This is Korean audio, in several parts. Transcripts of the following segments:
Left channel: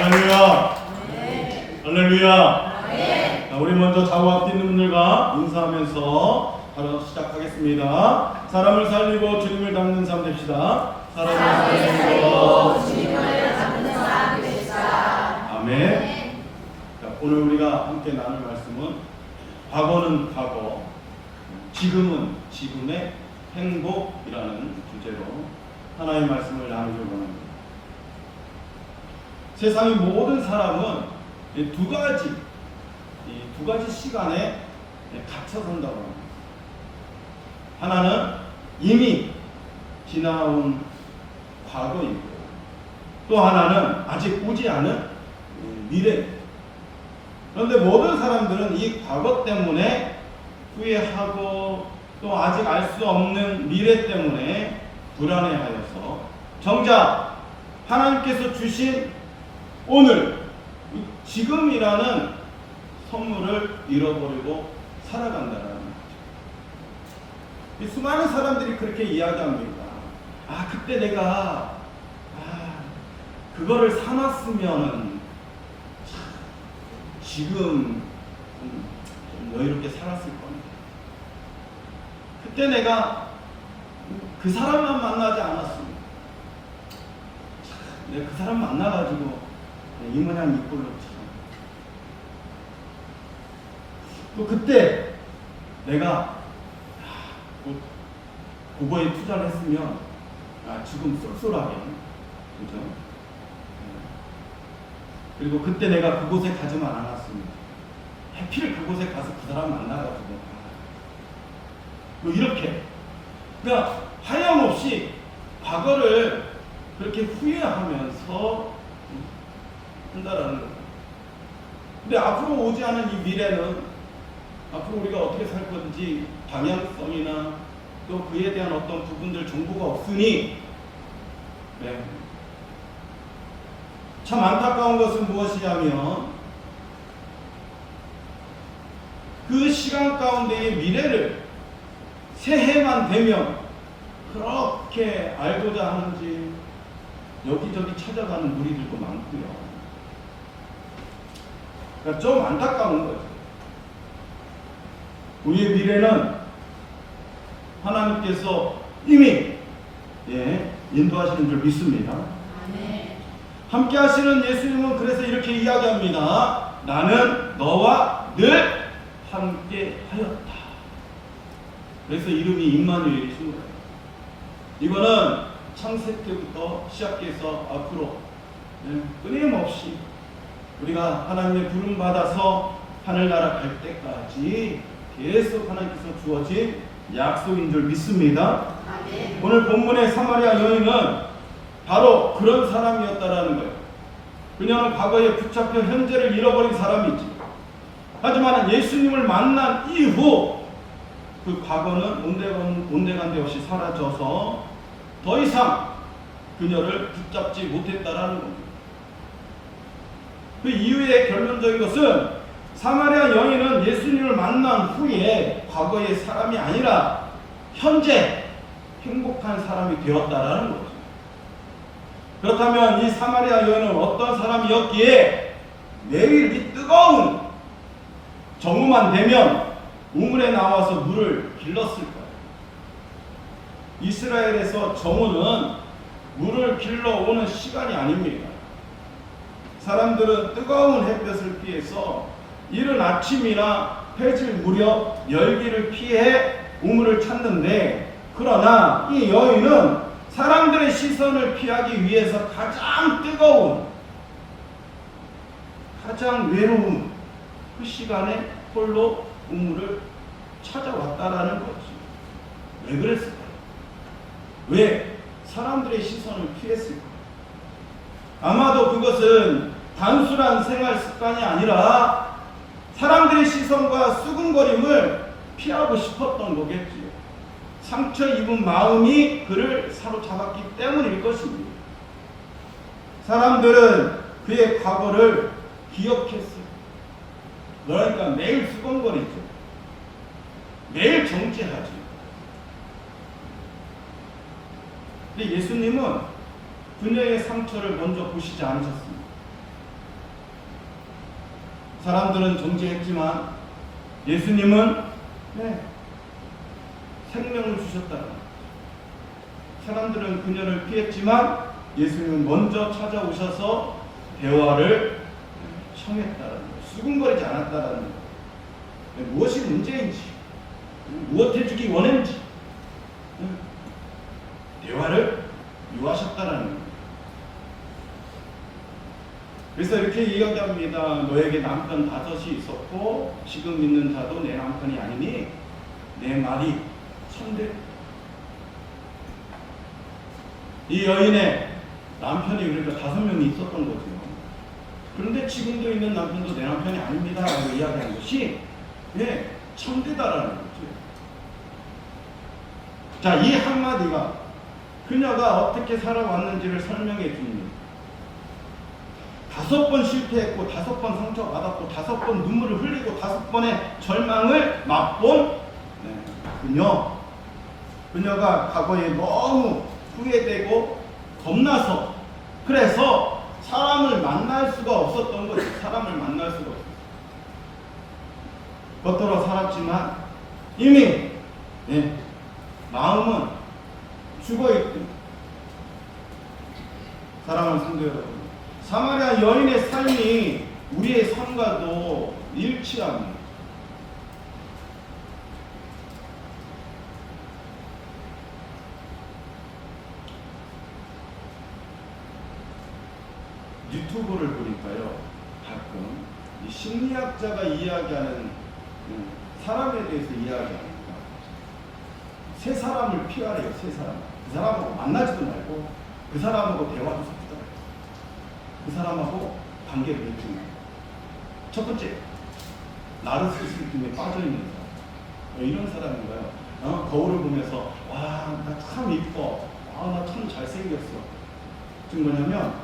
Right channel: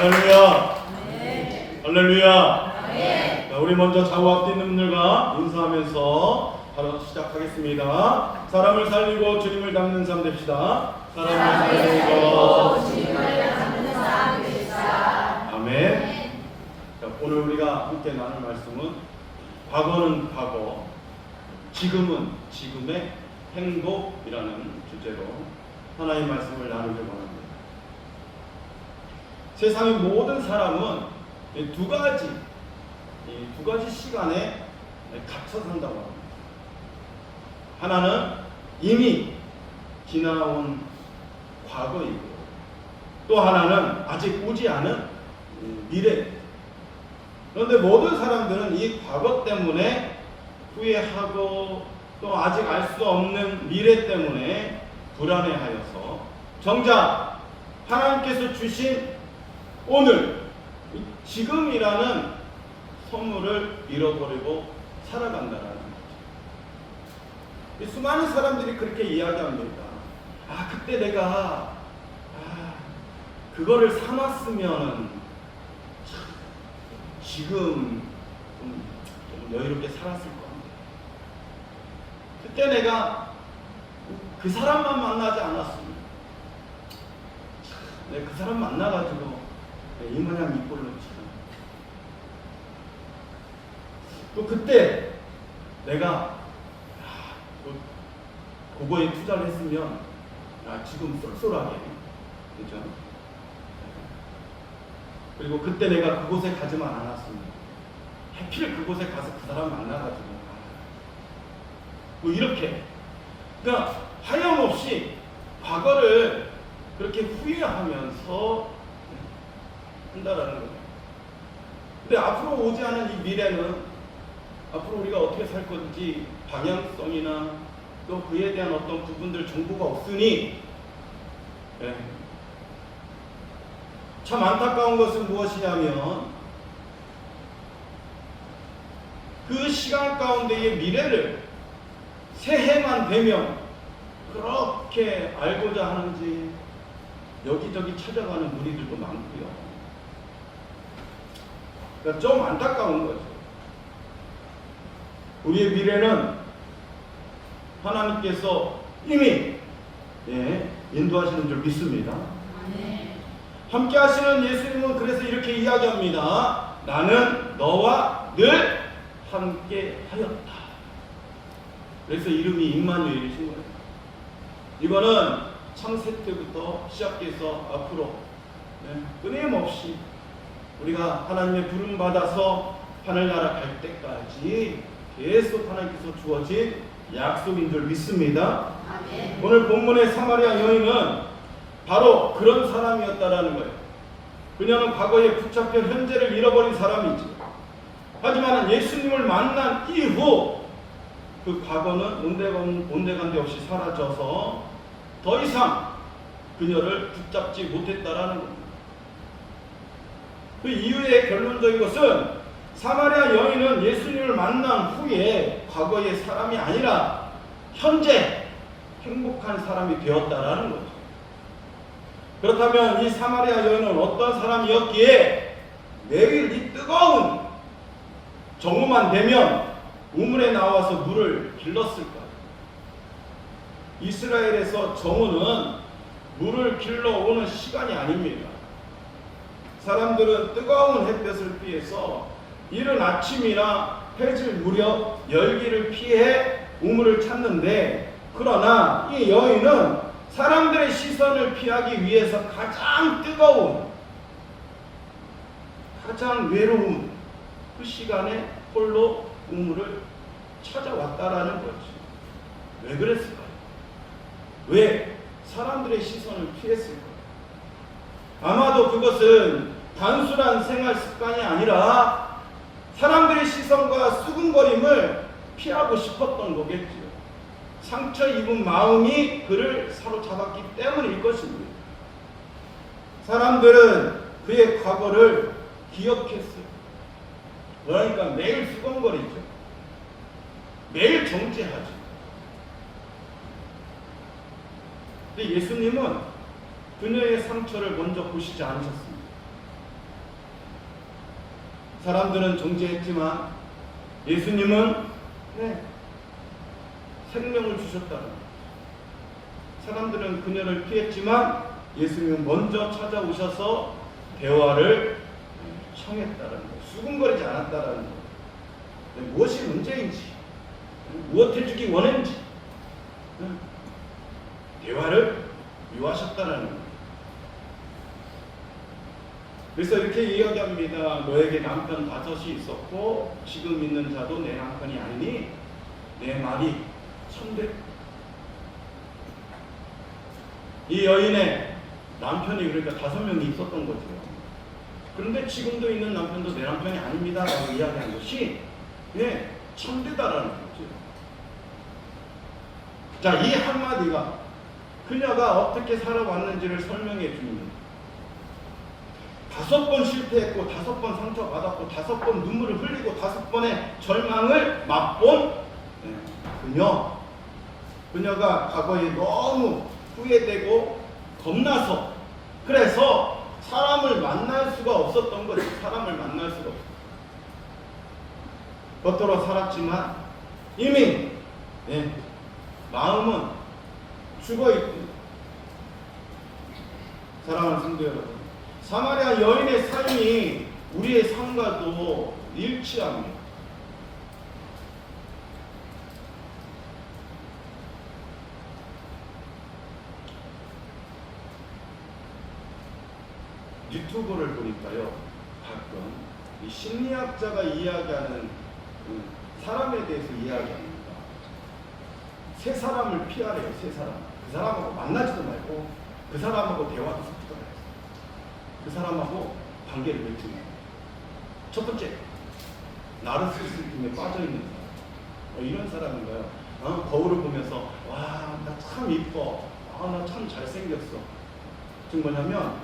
할렐루야. 할렐루야. 자, 우리 먼저 좌우 앞 있는 분들과 인사하면서 바로 시작하겠습니다. 사람을 살리고 주님을 닮는 삶 됩시다. 사람을 살리고 주님을 닮는 삶 됩시다. 아멘. 자, 오늘 우리가 함께 나눌 말씀은 과거는 과거, 지금은 지금의 행복이라는 주제로 하나님의 말씀을 나누려고 합니다. 세상의 모든 사람은 두 가지 시간에 갇혀 산다고 합니다. 하나는 이미 지나온 과거이고, 또 하나는 아직 오지 않은 미래. 그런데 모든 사람들은 이 과거 때문에 후회하고, 또 아직 알 수 없는 미래 때문에 불안해하여서 정작 하나님께서 주신 오늘, 지금이라는 선물을 잃어버리고 살아간다는 거죠. 수많은 사람들이 그렇게 이야기합니다. 그때 내가 그거를 사놨으면 지금 좀 여유롭게 살았을 건데, 그때 내가 그 사람만 만나지 않았으면, 내가 그 사람 만나가지고 이 모양 이 꼴로 참. 또 그때 내가 그거에 투자를 했으면 지금 쏠쏠하게, 그죠? 그리고 그때 내가 그곳에 가지만 않았으면, 하필 그곳에 가서 그 사람 만나가지고 뭐 이렇게, 그러니까 하염없이 과거를 그렇게 후회하면서 한다라는 거예요. 근데 앞으로 오지 않은 이 미래는, 앞으로 우리가 어떻게 살 건지 방향성이나 또 그에 대한 어떤 부분들 정보가 없으니, 참 안타까운 것은 무엇이냐면, 그 시간 가운데의 미래를 새해만 되면 그렇게 알고자 하는지 여기저기 찾아가는 무리들도 많고요. 그러니까 좀 안타까운 거죠. 우리의 미래는 하나님께서 이미 인도하시는 줄 믿습니다. 함께 하시는 예수님은 그래서 이렇게 이야기합니다. 나는 너와 늘 함께 하였다. 그래서 이름이 임마누엘이신 거예요. 이거는 창세 때부터 시작해서 앞으로 끊임없이 우리가 하나님의 부름 받아서 하늘나라 갈 때까지 계속 하나님께서 주어진 약속인 줄 믿습니다. 아멘. 오늘 본문의 사마리아 여인은 바로 그런 사람이었다라는 거예요. 그녀는 과거에 붙잡혀 현재를 잃어버린 사람이지. 하지만 예수님을 만난 이후 그 과거는 온데간데 없이 사라져서 더 이상 그녀를 붙잡지 못했다라는 겁니다. 그 이유의 결론적인 것은 사마리아 여인은 예수님을 만난 후에 과거의 사람이 아니라 현재 행복한 사람이 되었다라는 거죠. 그렇다면 이 사마리아 여인은 어떤 사람이었기에 매일 이 뜨거운 정오만 되면 우물에 나와서 물을 길렀을까요? 이스라엘에서 정오는 물을 길러오는 시간이 아닙니다. 사람들은 뜨거운 햇볕을 피해서 이른 아침이나 해질 무렵 열기를 피해 우물을 찾는데, 그러나 이 여인은 사람들의 시선을 피하기 위해서 가장 뜨거운, 가장 외로운 그 시간에 홀로 우물을 찾아왔다라는 거지. 왜 그랬을까요? 왜 사람들의 시선을 피했을까요? 아마도 그것은 단순한 생활 습관이 아니라 사람들의 시선과 수근거림을 피하고 싶었던 거겠지요. 상처 입은 마음이 그를 사로잡았기 때문일 것입니다. 사람들은 그의 과거를 기억했어요. 그러니까 매일 수근거리죠. 매일 정죄하죠. 근데 예수님은 그녀의 상처를 먼저 보시지 않으셨습니다. 사람들은 정죄했지만 예수님은 네, 생명을 주셨다는 거예요. 사람들은 그녀를 피했지만 예수님은 먼저 찾아오셔서 대화를 청했다는 거예요. 수군거리지 않았다는 거예요. 무엇이 문제인지, 무엇 해주기 원했는지 대화를 요하셨다는 거예요. 그래서 이렇게 이야기합니다. 너에게 남편 5이 있었고 지금 있는 자도 내 남편이 아니니 내 말이 천대. 이 여인의 남편이 그러니까 5명이 있었던 거죠. 그런데 지금도 있는 남편도 내 남편이 아닙니다 라고 이야기한 것이 네, 천대다라는 거죠. 자, 이 한마디가 그녀가 어떻게 살아왔는지를 설명해 줍니다. 5번 실패했고 5번 상처받았고 5번 눈물을 흘리고 5번의 절망을 맛본 그녀가 과거에 너무 후회되고 겁나서 그래서 사람을 만날 수가 없었던 거지. 사람을 만날 수가 없었어. 겉으로 살았지만 이미 마음은 죽어있던 사랑하는 성도 여러분, 사마리아 여인의 삶이 우리의 삶과도 일치합니다. 유튜브를 보니까요, 가끔 이 심리학자가 이야기하는 사람에 대해서 이야기합니다. 세 사람을 피하래요. 세 사람. 그 사람하고 만나지도 말고 그 사람하고 대화도 섞지 말고 그 사람하고 관계를 맺지 말고. 첫 번째, 나르시시즘에 빠져있는 사람. 이런 사람인 거예요. 거울을 보면서 와, 나 참 이뻐. 나 참 잘생겼어. 지금 뭐냐면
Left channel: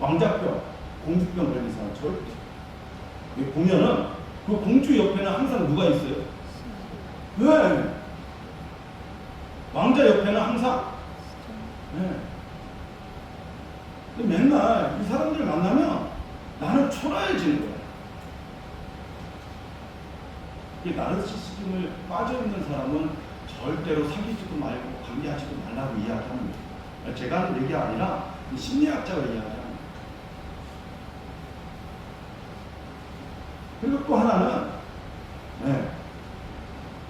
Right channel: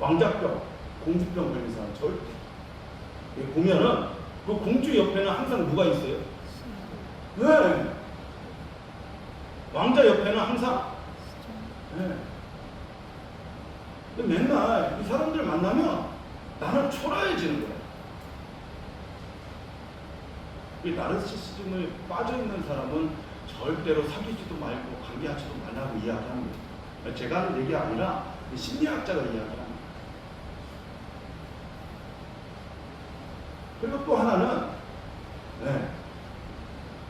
왕자병, 공주병 걸린 사람 절대. 보면은 그 공주 옆에는 항상 누가 있어요? 네. 왕자 옆에는 항상. 네. 맨날 이 사람들을 만나면 나는 초라해지는 거야. 이 나르시시즘을 빠져있는 사람은 절대로 사귀지도 말고 관계하지도 말라고 이야기합니다. 제가 하는 얘기 아니라 심리학자가 이야기합니다. 그리고 또 하나는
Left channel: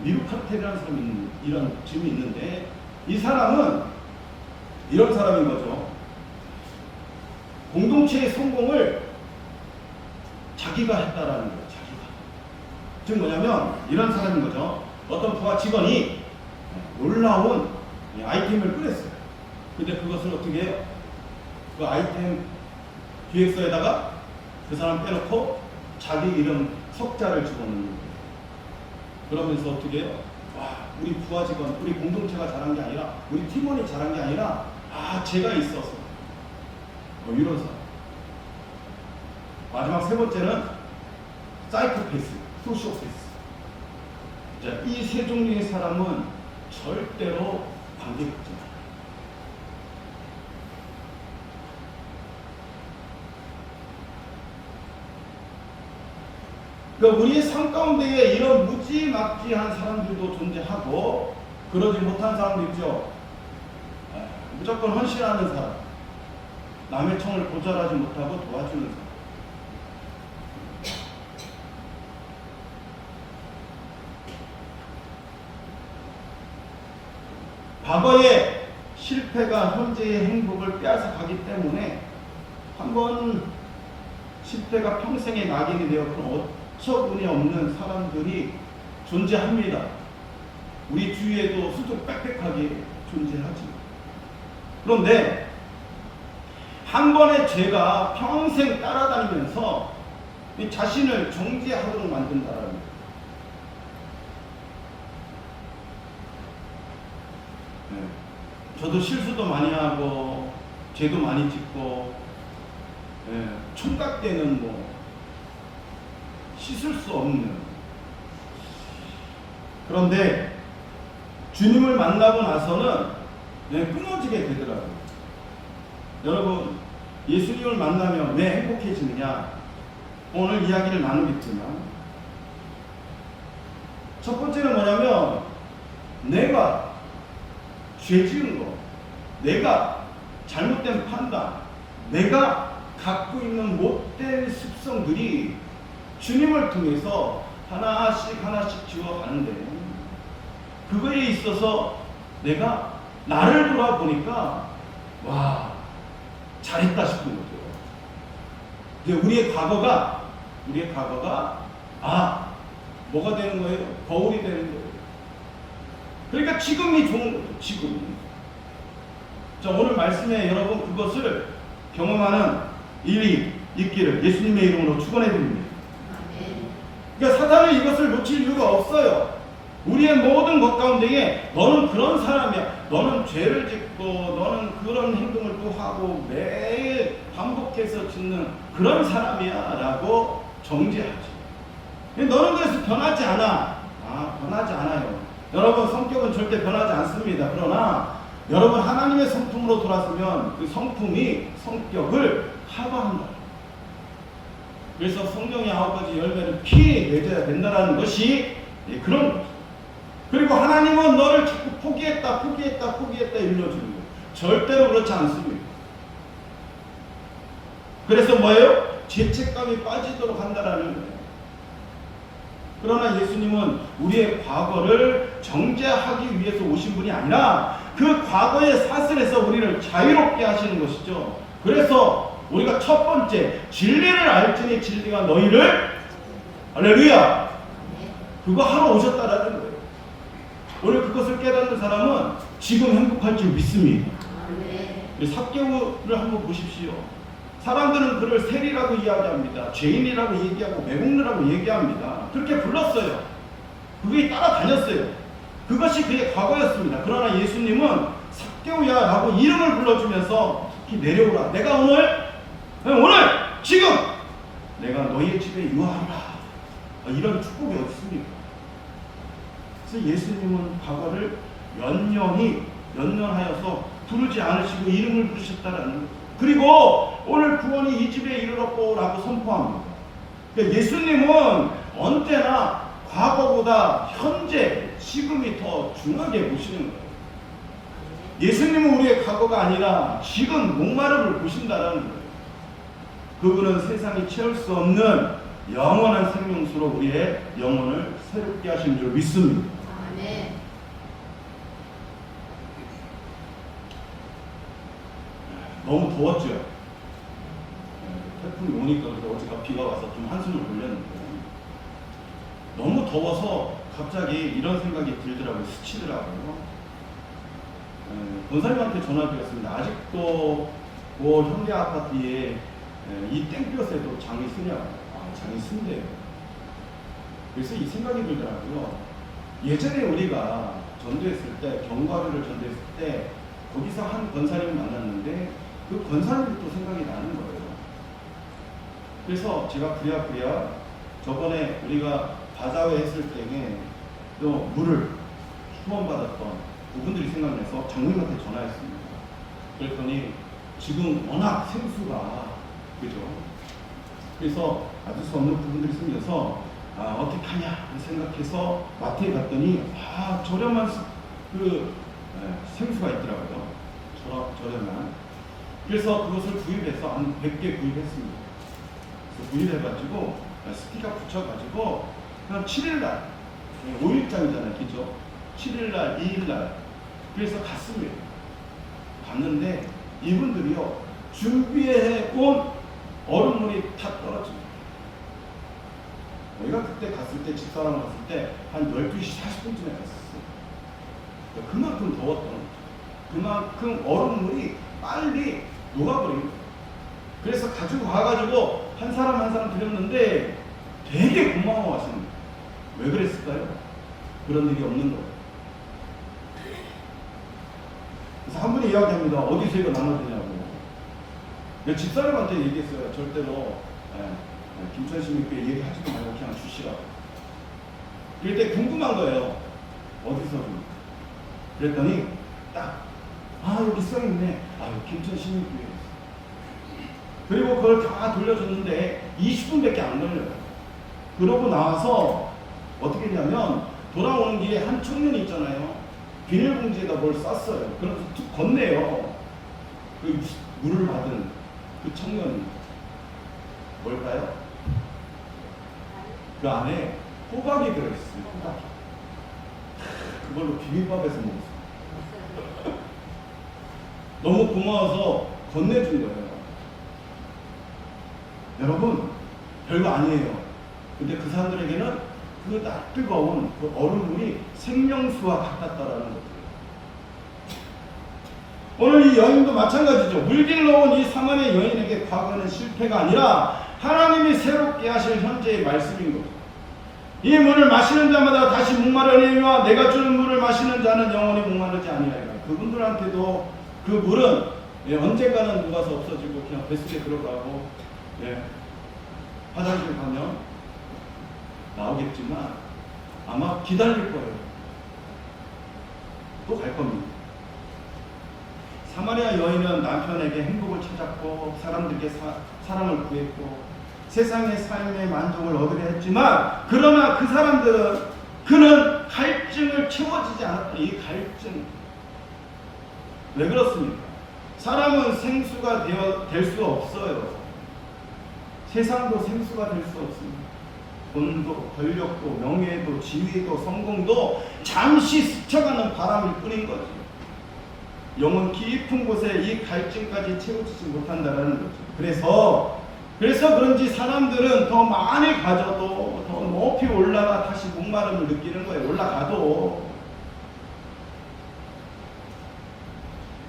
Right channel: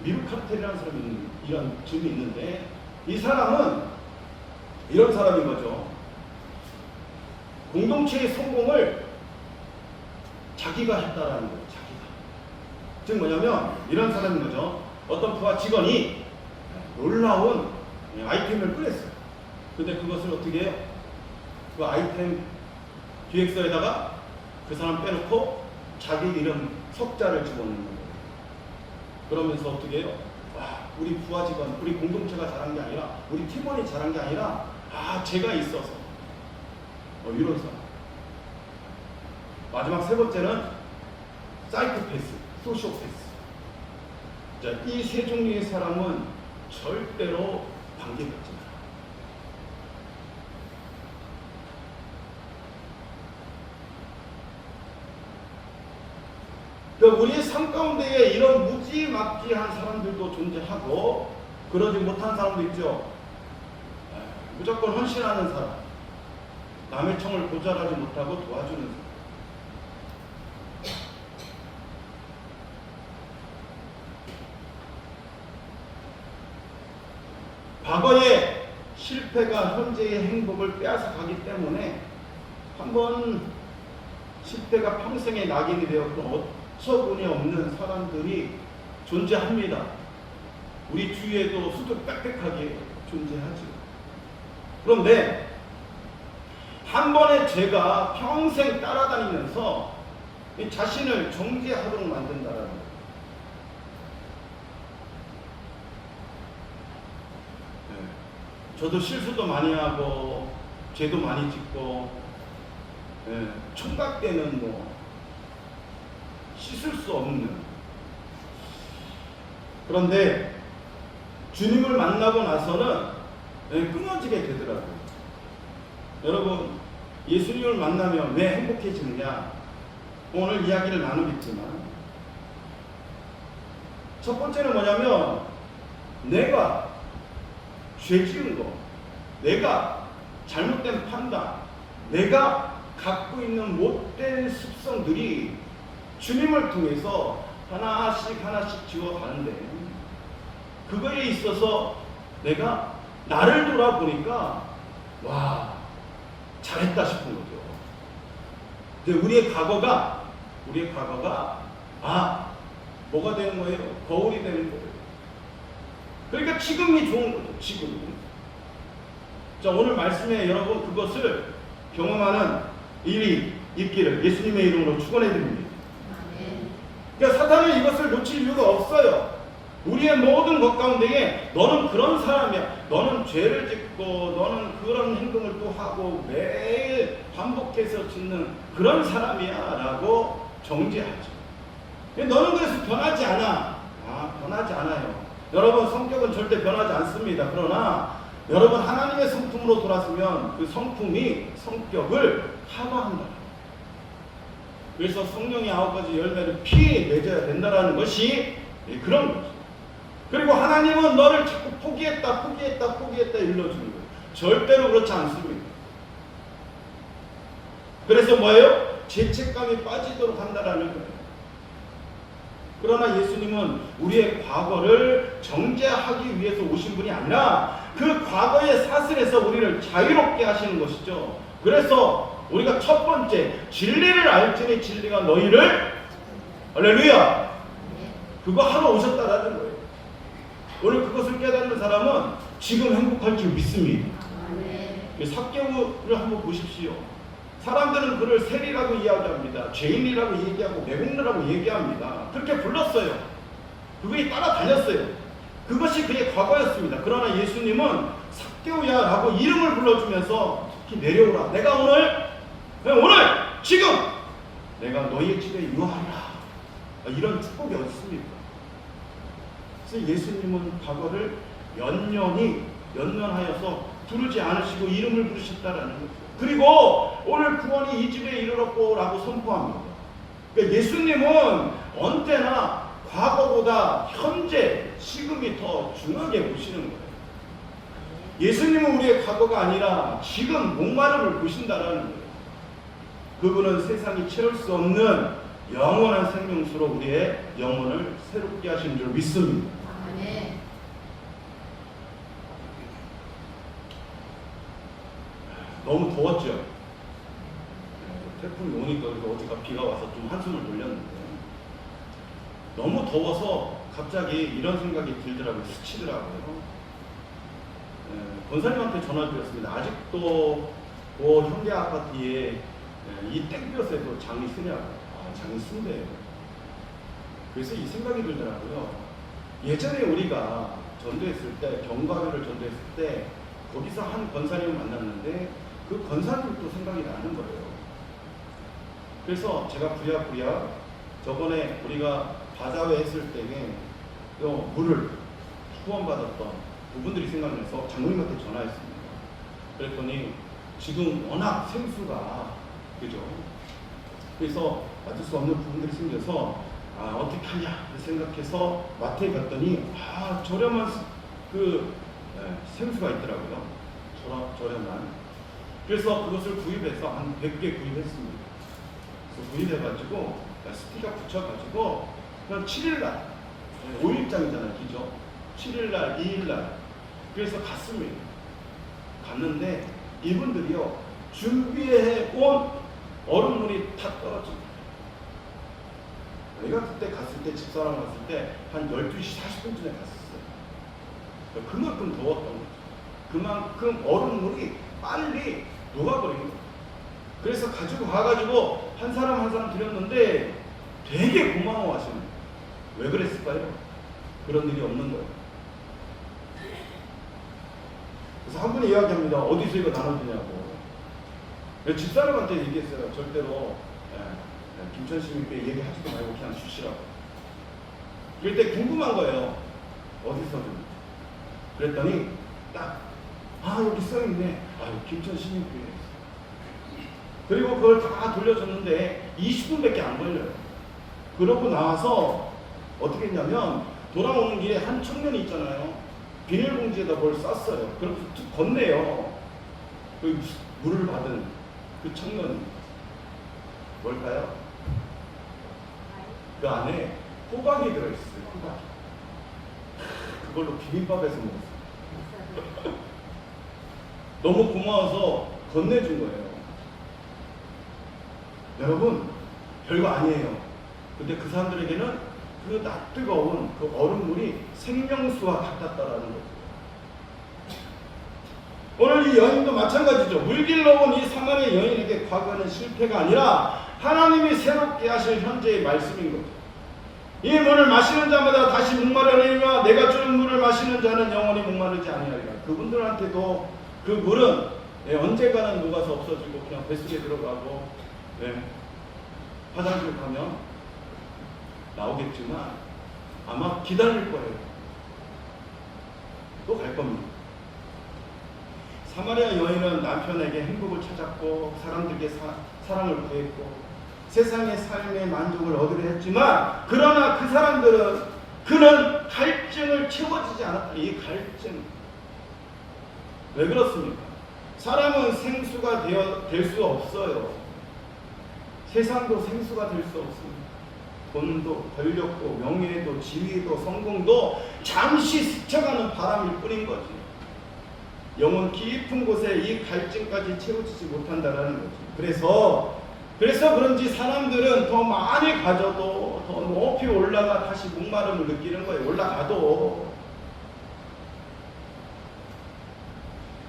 미루카텔이라는 사람이 이런 점이 있는데 이 사람은 이런 사람인 거죠. 공동체의 성공을 자기가 했다라는 거예요. 자기가. 즉 뭐냐면 이런 사람인 거죠. 어떤 부하 직원이 놀라운 아이템을 꺼냈어요. 근데 그것을 어떻게 해요? 그 아이템 기획서에다가 그 사람 빼놓고 자기 이름 석자를 집어넣는 거예요. 그러면서 어떻게 해요? 와, 우리 부하 직원, 우리 공동체가 잘한 게 아니라, 우리 팀원이 잘한 게 아니라, 제가 있어서. 이런 사람. 마지막 세 번째는 사이코패스, 소시오패스. 자, 이 세 종류의 사람은 절대로 관계 갖지 않아요. 그러니까 우리의 삶 가운데에 이런 무지막지한 사람들도 존재하고 그러지 못한 사람도 있죠. 무조건 헌신하는 사람, 남의 청을 고절하지 못하고 도와주는 사람. 과거의 실패가 현재의 행복을 빼앗아가기 때문에 한번 실패가 평생의 낙인이 되었던 어처구니 없는 사람들이 존재합니다. 우리 주위에도 수도 빽빽하게 존재하죠. 그런데 한 번의 죄가 평생 따라다니면서 자신을 정죄하도록 만든다는 거예요. 저도 실수도 많이 하고 죄도 많이 짓고 총각 때는 씻을 수 없는. 그런데 주님을 만나고 나서는 끊어지게 되더라고요. 여러분, 예수님을 만나면 왜 행복해지느냐? 오늘 이야기를 나누겠지만, 첫 번째는 뭐냐면 내가 죄 지은 거, 내가 잘못된 판단, 내가 갖고 있는 못된 습성들이 주님을 통해서 하나씩 지워가는데, 그거에 있어서 내가 나를 돌아보니까 와, 잘했다 싶은 거죠. 근데 우리의 과거가 뭐가 되는 거예요? 거울이 되는 거예요. 그러니까 지금이 좋은 거죠. 지금이. 자, 오늘 말씀에 여러분 그것을 경험하는 일이 있기를 예수님의 이름으로 축원해 드립니다. 그러니까 사단은 이것을 놓칠 이유가 없어요. 우리의 모든 것 가운데에 너는 그런 사람이야, 너는 죄를 짓고 너는 그런 행동을 또 하고 매일 반복해서 짓는 그런 사람이야 라고 정죄하죠. 너는 그래서 변하지 않아. 변하지 않아요. 여러분, 성격은 절대 변하지 않습니다. 그러나 여러분, 하나님의 성품으로 돌아서면 그 성품이 성격을 커버한다. 그래서 성령의 9가지 열매를 피해내줘야 된다는 것이 그런 거죠. 그리고 하나님은 너를 자꾸 포기했다 일러주는 거예요. 절대로 그렇지 않습니다. 그래서 뭐예요? 죄책감이 빠지도록 한다라는 거예요. 그러나 예수님은 우리의 과거를 정죄하기 위해서 오신 분이 아니라 그 과거의 사슬에서 우리를 자유롭게 하시는 것이죠. 그래서 우리가 첫 번째, 진리를 알지니 진리가 너희를, 할렐루야, 그거 하러 오셨다라는 거예요. 오늘 그것을 깨닫는 사람은 지금 행복할 줄 믿습니다. 삭개오를 한번 보십시오. 사람들은 그를 세리라고 이야기합니다. 죄인이라고 얘기하고 매국노라고 얘기합니다. 그렇게 불렀어요. 그게 따라다녔어요. 그것이 그의 과거였습니다. 그러나 예수님은 삭개오야 라고 이름을 불러주면서 내려오라. 내가 오늘 지금 내가 너희의 집에 유하리라. 이런 축복이 어디 있습니까? 그래서 예수님은 과거를 연연하여서 부르지 않으시고 이름을 부르셨다라는 거예요. 그리고 오늘 구원이 이 집에 이르렀고 라고 선포합니다. 그러니까 예수님은 언제나 과거보다 현재, 지금이 더 중요하게 보시는 거예요. 예수님은 우리의 과거가 아니라 지금 목마름을 보신다라는 거예요. 그분은 세상이 채울 수 없는 영원한 생명수로 우리의 영혼을 새롭게 하시는 줄 믿습니다. 아멘. 너무 더웠죠. 태풍이 오니까 어제가 비가 와서 좀 한숨을 돌렸는데, 너무 더워서 갑자기 이런 생각이 들더라고요. 스치더라고요. 권사님한테 전화드렸습니다. 아직도 그 현대 아파트에 이 땡볕에도 장이 쓰냐고. 장이 쓴대요. 그래서 이 생각이 들더라고요. 예전에 우리가 전도했을 때, 경과교를 전도했을 때 거기서 한 권사님을 만났는데 그 권사님도 생각이 나는 거예요. 그래서 제가 부랴부랴 저번에 우리가 바자회 했을 때에 물을 후원받았던 그분들이 생각나서 장로님한테 전화했습니다. 그랬더니 지금 워낙 생수가, 그죠? 그래서 받을 수 없는 부분들이 생겨서 어떻게 하냐 생각해서 마트에 갔더니 저렴한 생수가 있더라고요. 저렴한. 그래서 그것을 구입해서 한 100개 구입했습니다. 그래서 구입해가지고 스티커 붙여가지고 그냥 7일날 5일장이잖아요, 그죠? 7일날, 2일날 그래서 갔습니다. 갔는데 이분들이요, 준비해 온 얼음물이 다 떨어집니다. 내가 그때 갔을 때, 집사람 갔을 때 한 12시 40분쯤에 갔었어요. 그만큼 더웠던 거죠. 그만큼 얼음물이 빨리 녹아버린 거예요. 그래서 가지고 가가지고 한 사람 한 사람 드렸는데 되게 고마워하시는 거예요. 왜 그랬을까요? 그런 일이 없는 거예요. 그래서 한 분이 이야기합니다. 어디서 이거 나눠주냐고. 집사람한테 얘기했어요. 절대로 김천 시민께 얘기하지도 말고 그냥 주시라고. 이럴 때 궁금한 거예요. 어디서 줍니까? 그랬더니 딱 여기 써있네. 김천 시민교회에서. 그리고 그걸 다 돌려줬는데 20분밖에 안 걸려요. 그러고 나와서 어떻게 했냐면 돌아오는 길에 한 청년이 있잖아요. 비닐봉지에다 뭘 쌌어요. 그래서 툭 건네요. 그 물을 받은 그 청년이 뭘까요? 그 안에 호박이 들어있어요. 호박. 그걸로 비빔밥에서 먹었어요. 너무 고마워서 건네준 거예요. 여러분, 별거 아니에요. 근데 그 사람들에게는 그 뜨거운 그 얼음물이 생명수와 같았다라는 거죠. 오늘 이 여인도 마찬가지죠. 물길로 온 이 사마리아 여인에게 과거는 실패가 아니라 하나님이 새롭게 하실 현재의 말씀인 거죠. 이 물을 마시는 자마다 다시 목마르니와 내가 주는 물을 마시는 자는 영원히 목마르지 아니하리라. 그분들한테도 그 물은 언젠가는 녹아서 없어지고 그냥 뱃속에 들어가고 화장실 가면 나오겠지만 아마 기다릴 거예요. 또 갈 겁니다. 사마리아 여인은 남편에게 행복을 찾았고 사람들에게 사랑을 구했고 세상의 삶의 만족을 얻으려 했지만 그러나 그 사람들은 그는 갈증을 채워지지 않았다. 이 갈증 왜 그렇습니까? 사람은 생수가 될 수 없어요. 세상도 생수가 될 수 없습니다. 돈도 권력도 명예도 지위도 성공도 잠시 스쳐가는 바람일 뿐인 거지. 영혼 깊은 곳에 이 갈증까지 채워지지 못한다는 거죠. 그래서 그런지 사람들은 더 많이 가져도 더 높이 올라가 다시 목마름을 느끼는 거예요. 올라가도.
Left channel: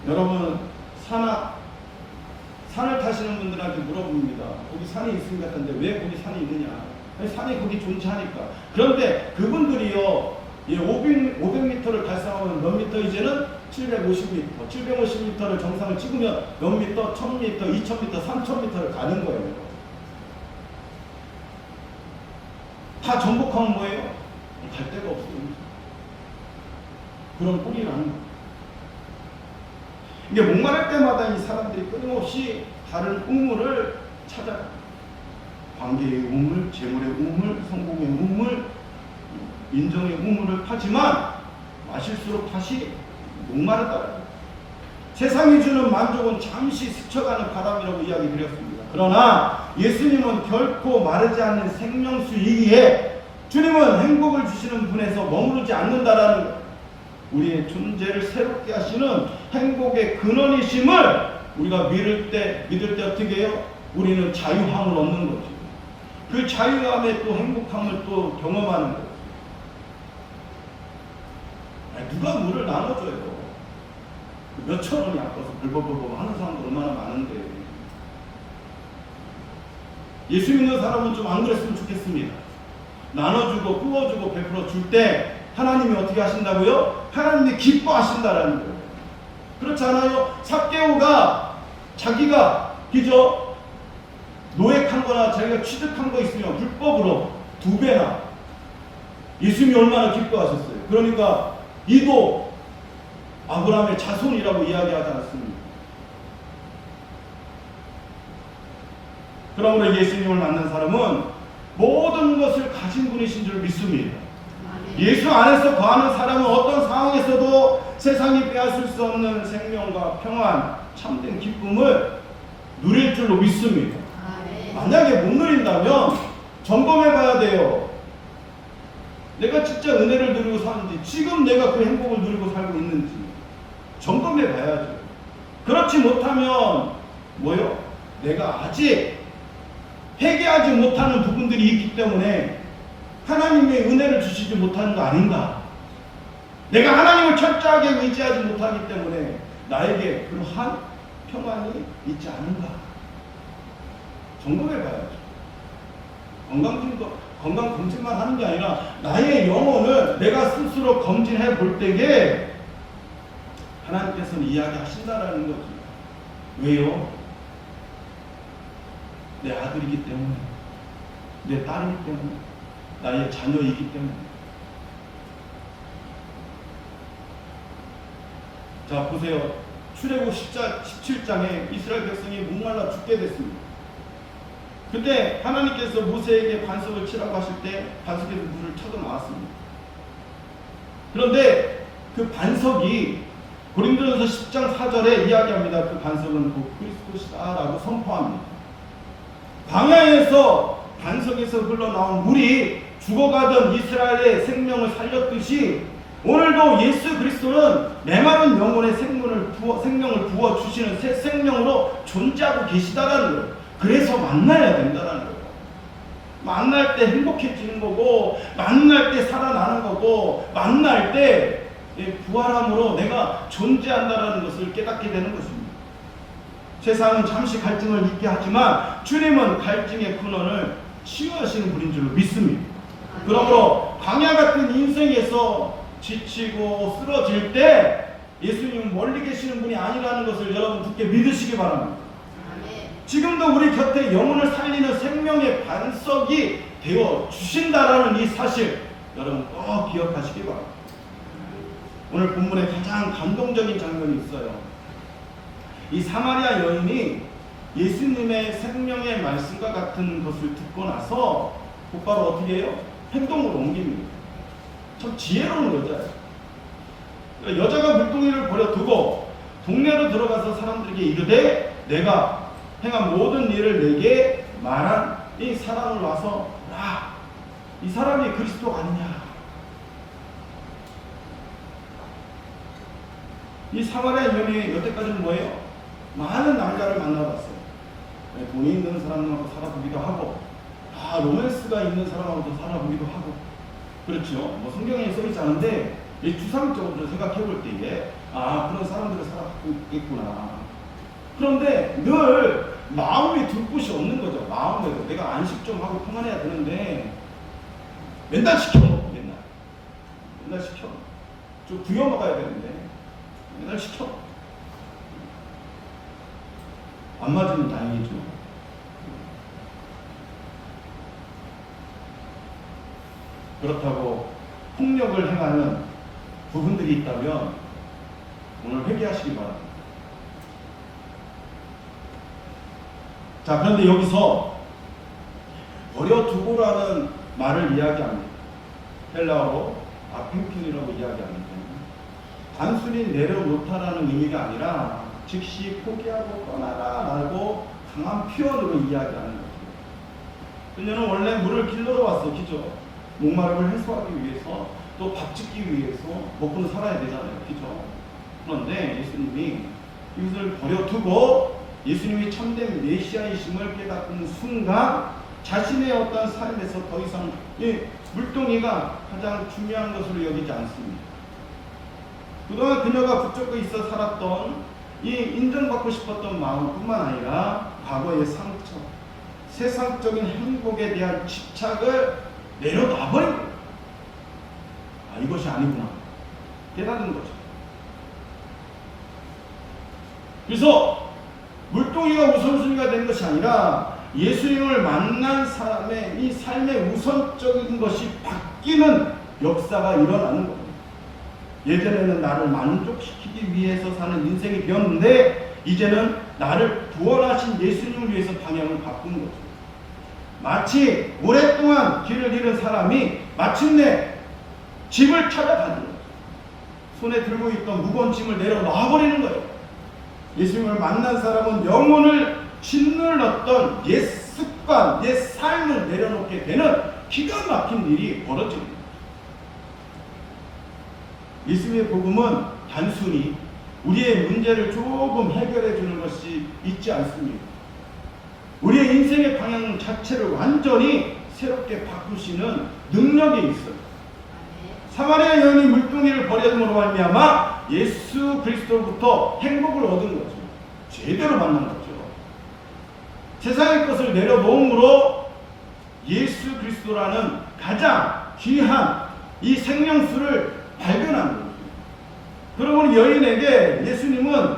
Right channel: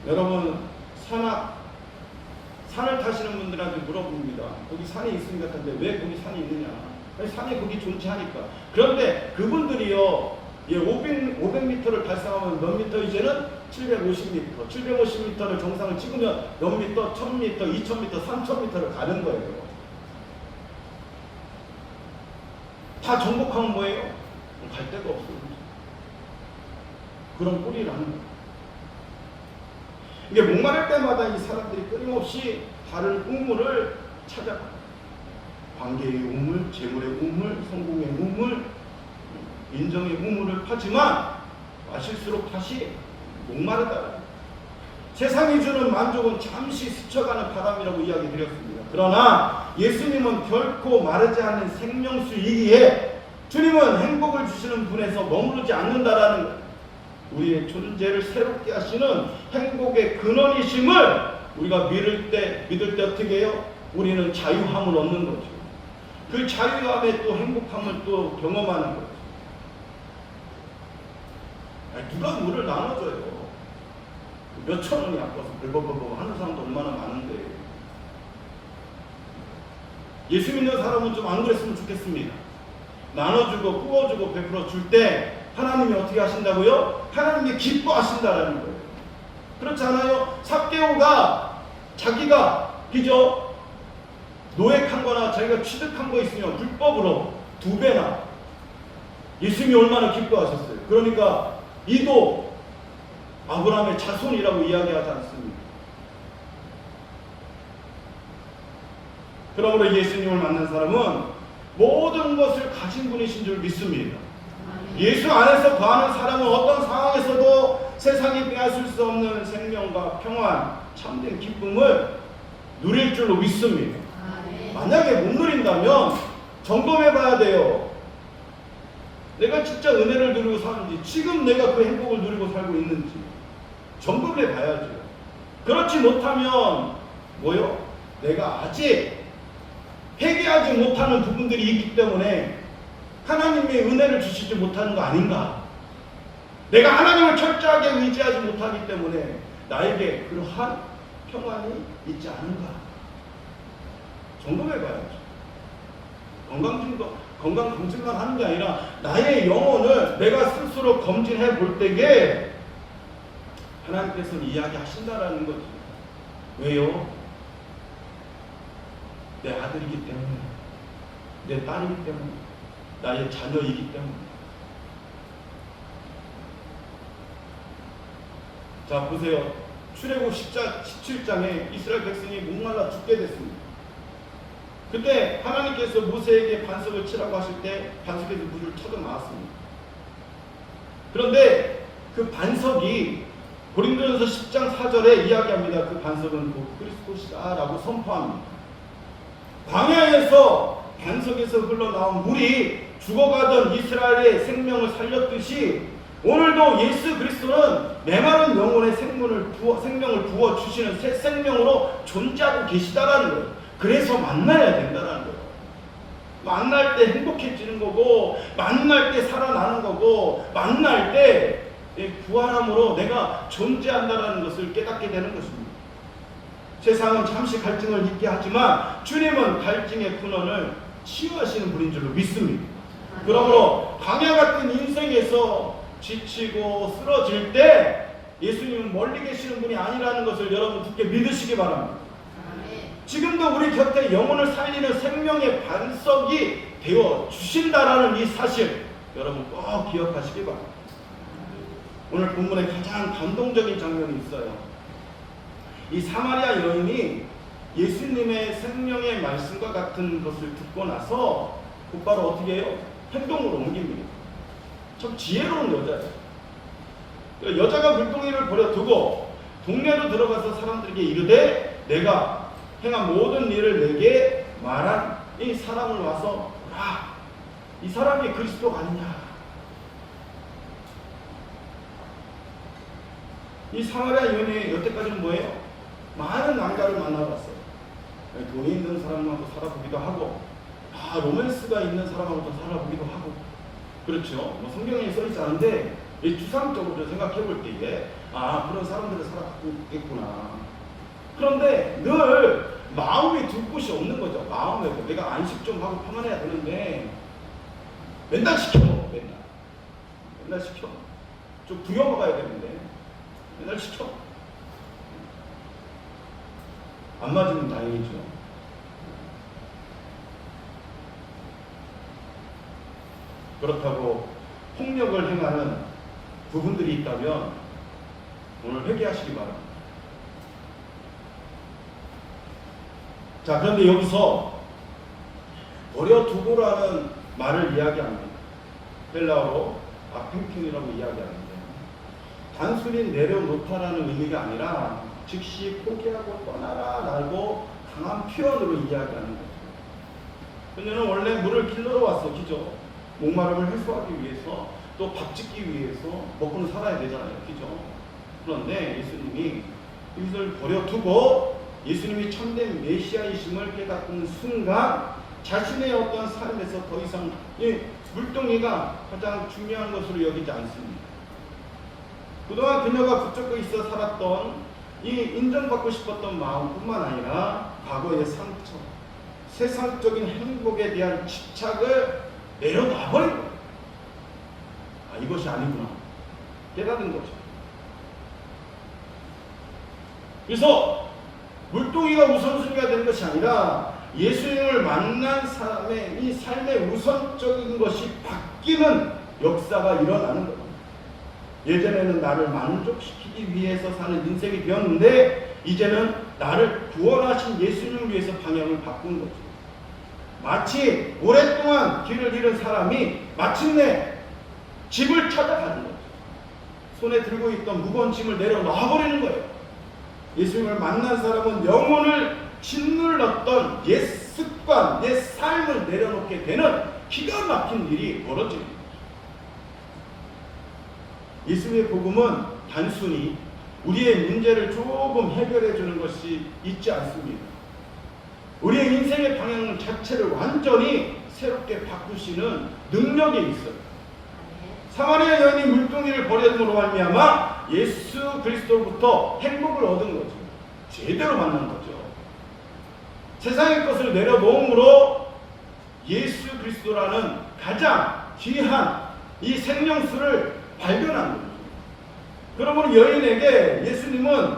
여러분 산을 타시는 분들한테 물어봅니다. 거기 산이 있을 것 같은데 왜 거기 산이 있느냐? 아니, 산이 거기 존재하니까. 그런데 그분들이요, 500m를 달성하면 몇 미터? 이제는 750m. 750m를 정상을 찍으면 몇 미터? 1000m, 2000m, 3000m를 가는 거예요. 다 정복하면 뭐예요? 갈 데가 없습니다. 그런 꼴이라는 거예요. 이게 목마를 때마다 이 사람들이 끊임없이 다른 우물을 찾아 관계의 우물, 재물의 우물, 성공의 우물, 인정의 우물을 파지만 마실수록 다시 목마르다. 세상이 주는 만족은 잠시 스쳐가는 바람이라고 이야기 드렸습니다. 그러나 예수님은 결코 마르지 않는 생명수이기에 주님은 행복을 주시는 분에서 머무르지 않는다라는 것. 우리의 존재를 새롭게 하시는 행복의 근원이심을 우리가 믿을 때 어떻게 해요? 우리는 자유함을 얻는 거죠. 그 자유함에 또 행복함을 또 경험하는 거죠. 누가 물을 나눠줘요? 몇천 원이 아까워서 벌벌벌 하는 사람도 얼마나 많은데. 예수 믿는 사람은 좀 안 그랬으면 좋겠습니다. 나눠주고 부어주고 베풀어 줄 때 하나님이 어떻게 하신다고요? 하나님이 기뻐하신다라는 거예요. 그렇지 않아요? 삭개오가 자기가 그죠? 노획한 거나 자기가 취득한 거 있으면 불법으로 2배나 예수님이 얼마나 기뻐하셨어요. 그러니까 이도 아브라함의 자손이라고 이야기하지 않습니다. 그러므로 예수님을 만난 사람은 모든 것을 가진 분이신 줄 믿습니다. 예수 안에서 거하는 사람은 어떤 상황에서도 세상이 빼앗을 수 없는 생명과 평안, 참된 기쁨을 누릴 줄로 믿습니다. 만약에 못 누린다면 점검해 봐야 돼요. 내가 진짜 은혜를 누리고 사는지, 지금 내가 그 행복을 누리고 살고 있는지 점검해 봐야죠. 그렇지 못하면 뭐요? 내가 아직 회개하지 못하는 부분들이 있기 때문에 하나님의 은혜를 주시지 못하는 거 아닌가? 내가 하나님을 철저하게 의지하지 못하기 때문에 나에게 그러한 평안이 있지 않은가? 점검해 봐야죠. 건강 검진만 하는 게 아니라 나의 영혼을 내가 스스로 검진해 볼 때에 하나님께서는 이야기하신다라는 거죠. 왜요? 내 아들이기 때문에, 내 딸이기 때문에, 나의 자녀이기 때문에. 자, 보세요. 출애굽 17장에 이스라엘 백성이 목말라 죽게 됐습니다. 그때 하나님께서 모세에게 반석을 치라고 하실 때 반석에서 물을 쳐서 나왔습니다. 그런데 그 반석이 고린도전서 10장 4절에 이야기합니다. 그 반석은 곧 그리스도시다라고 선포합니다. 광야에서 반석에서 흘러나온 물이 죽어가던 이스라엘의 생명을 살렸듯이 오늘도 예수 그리스도는 메마른 영혼의 생명을 부어주시는 새 생명으로 존재하고 계시다라는 거예요. 그래서 만나야 된다는 거예요. 만날 때 행복해지는 거고, 만날 때 살아나는 거고, 만날 때 부활함으로 내가 존재한다는 것을 깨닫게 되는 것입니다. 세상은 잠시 갈증을 있게 하지만 주님은 갈증의 근원을 치유하시는 분인 줄로 믿습니다. 그러므로 광야 같은 인생에서 지치고 쓰러질 때 예수님은 멀리 계시는 분이 아니라는 것을 여러분 굳게 믿으시기 바랍니다. 지금도 우리 곁에 영혼을 살리는 생명의 반석이 되어 주신다라는 이 사실 여러분 꼭 기억하시기 바랍니다. 오늘 본문에 가장 감동적인 장면이 있어요. 이 사마리아 여인이 예수님의 생명의 말씀과 같은 것을 듣고 나서 곧바로 어떻게 해요? 행동으로 옮깁니다. 참 지혜로운 여자예요. 여자가 물동이를 버려두고 동네로 들어가서 사람들에게 이르되 내가 행한 모든 일을 내게 말한 이 사람을 와서 보라. 이 사람이 그리스도가 아니냐. 이 사마리아 여인이 여태까지는 뭐예요? 많은 남자를 만나봤어요. 돈이 있는 사람하고 살아보기도 하고, 로맨스가 있는 사람하고도 살아보기도 하고, 그렇죠. 뭐 성경에 써 있지 않은데 주상적으로 생각해 볼 때에 그런 사람들을 살아보고 있구나. 그런데 늘 마음이 둘 곳이 없는 거죠. 마음에서 내가 안식 좀 하고 평안해야 되는데 맨날 시켜 먹어. 맨날 시켜. 좀 부여 먹어야 되는데 맨날 시켜. 안 맞으면 다행이죠. 그렇다고 폭력을 행하는 부분들이 있다면 오늘 회개하시기 바랍니다. 자, 그런데 여기서 버려두고라는 말을 이야기합니다. 헬라어로 아펜킨이라고 이야기하는데 단순히 내려놓다라는 의미가 아니라 즉시 포기하고 떠나라 라고 강한 표현으로 이야기하는 거예요. 그녀는 원래 물을 길러러 왔어. 그죠? 목마름을 해소하기 위해서 또 밥 짓기 위해서 먹고 살아야 되잖아요. 그죠? 그런데 예수님이 이것을 버려두고 예수님이 참된 메시아이심을 깨닫는 순간 자신의 어떤 삶에서 더 이상 물동이가 가장 중요한 것으로 여기지 않습니다. 그동안 그녀가 붙잡고 있어 살았던 이 인정받고 싶었던 마음뿐만 아니라 과거의 상처, 세상적인 행복에 대한 집착을 내려놔버린 거예요. 이것이 아니구나 깨닫는 거죠. 그래서 물동이가 우선순위가 된 것이 아니라 예수님을 만난 사람의 이 삶의 우선적인 것이 바뀌는 역사가 일어나는 거예요. 예전에는 나를 만족시키기 위해서 사는 인생이 되었는데 이제는 나를 구원하신 예수님을 위해서 방향을 바꾸는 거죠. 마치 오랫동안 길을 잃은 사람이 마침내 집을 찾아가는 거예요. 손에 들고 있던 무거운 짐을 내려놔버리는 거예요. 예수님을 만난 사람은 영혼을 짓눌렀던 옛 습관, 옛 삶을 내려놓게 되는 기가 막힌 일이 벌어집니다. 예수님의 복음은 단순히 우리의 문제를 조금 해결해 주는 것이 있지 않습니다. 우리의 인생의 방향 자체를 완전히 새롭게 바꾸시는 능력이 있어요. 사마리아 여인이 물동이를 버려둠으로 말미암아 예수 그리스도로부터 행복을 얻은 거죠. 제대로 만난 거죠. 세상의 것을 내려놓음으로 예수 그리스도라는 가장 귀한 이 생명수를 발견한 거예요. 그러므로 여인에게 예수님을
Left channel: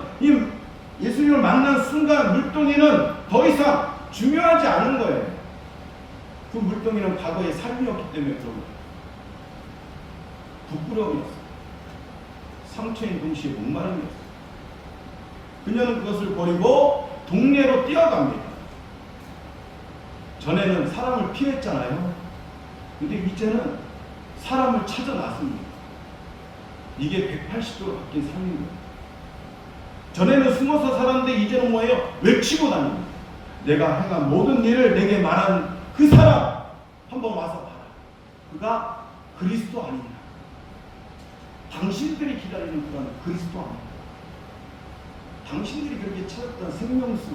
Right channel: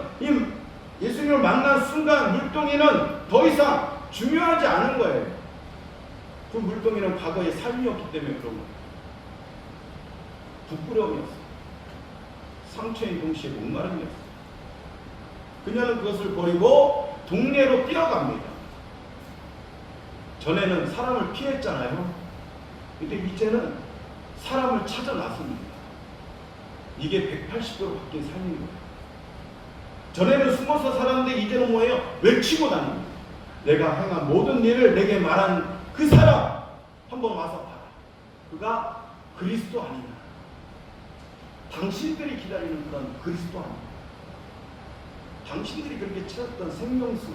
만난 순간 물동이는 더 이상 중요하지 않은 거예요. 그 물동이는 과거의 삶이었기 때문에 그런 거예요. 부끄러움이었어요. 상처인 동시에 목마름이었어요. 그녀는 그것을 버리고 동네로 뛰어갑니다. 전에는 사람을 피했잖아요. 근데 이제는 사람을 찾아 나섭니다. 이게 180도로 바뀐 삶인 거예요. 전에는 숨어서 살았는데 이제는 뭐예요? 외치고 다닙니다. 내가 행한 모든 일을 내게 말한 그 사람 한번 와서 봐라. 그가 그리스도 아니냐. 당신들이 기다리는 그런 그리스도 아니냐. 당신들이 그렇게 찾았던 생명수,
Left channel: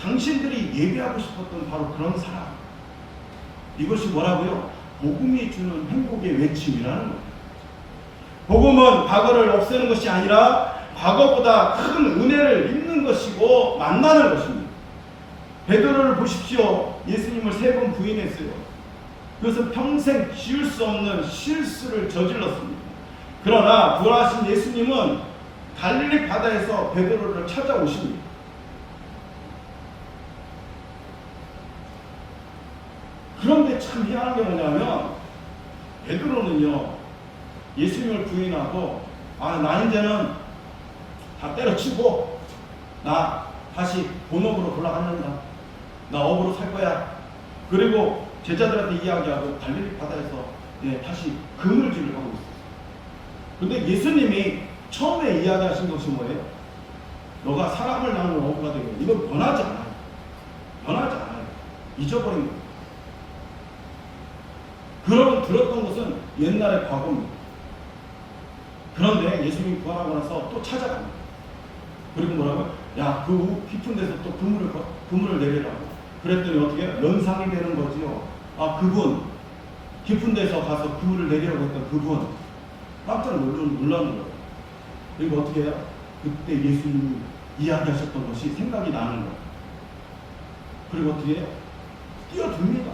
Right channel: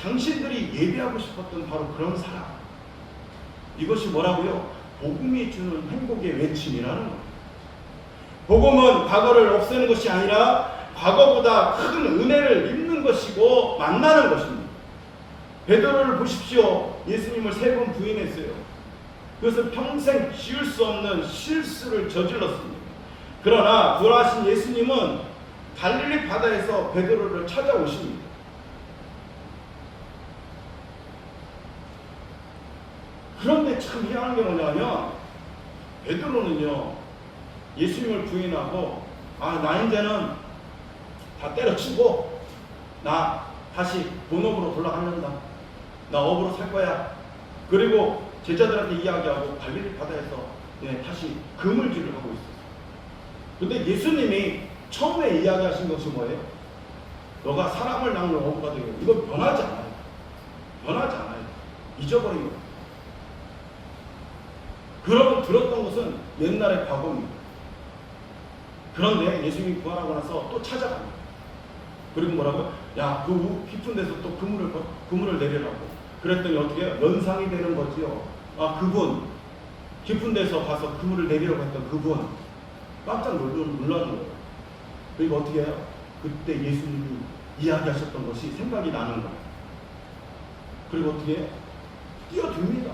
당신들이 예배하고 싶었던 바로 그런 사람. 이것이 뭐라고요? 복음이 주는 행복의 외침이라는 거예요. 복음은 과거를 없애는 것이 아니라 과거보다 큰 은혜를 입는 것이고 만나는 것입니다. 베드로를 보십시오. 예수님을 3번 부인했어요. 그것은 평생 지을 수 없는 실수를 저질렀습니다. 그러나 부활하신 예수님은 갈릴리 바다에서 베드로를 찾아오십니다. 그런데 참 희한한 게 뭐냐면 베드로는요, 예수님을 부인하고 나 이제는 다 때려치고 나 다시 본업으로 돌아가는다. 나 업으로 살 거야. 그리고 제자들한테 이야기하고 갈릴리 바다에서 다시 그물질을 하고 있어요. 그런데 예수님이 처음에 이야기하신 것이 뭐예요? 너가 사람을 낳는 어부가 되고, 이건 변하지 않아요. 변하지 않아요. 잊어버린 거예요. 그러고 들었던 것은 옛날의 과거입니다. 그런데 예수님이 부활하고 나서 또 찾아갑니다. 그리고 뭐라고요? 야, 그 깊은 데서 또 그물을 내리라고. 그랬더니 어떻게 해요? 연상이 되는 거지요. 그분, 깊은 데서 가서 그물을 내리라고 했던 그분, 깜짝 놀라는 거예요. 그리고 어떻게 해요? 그때 예수님이 이야기하셨던 것이 생각이 나는 거예요. 그리고 어떻게 해요? 뛰어듭니다.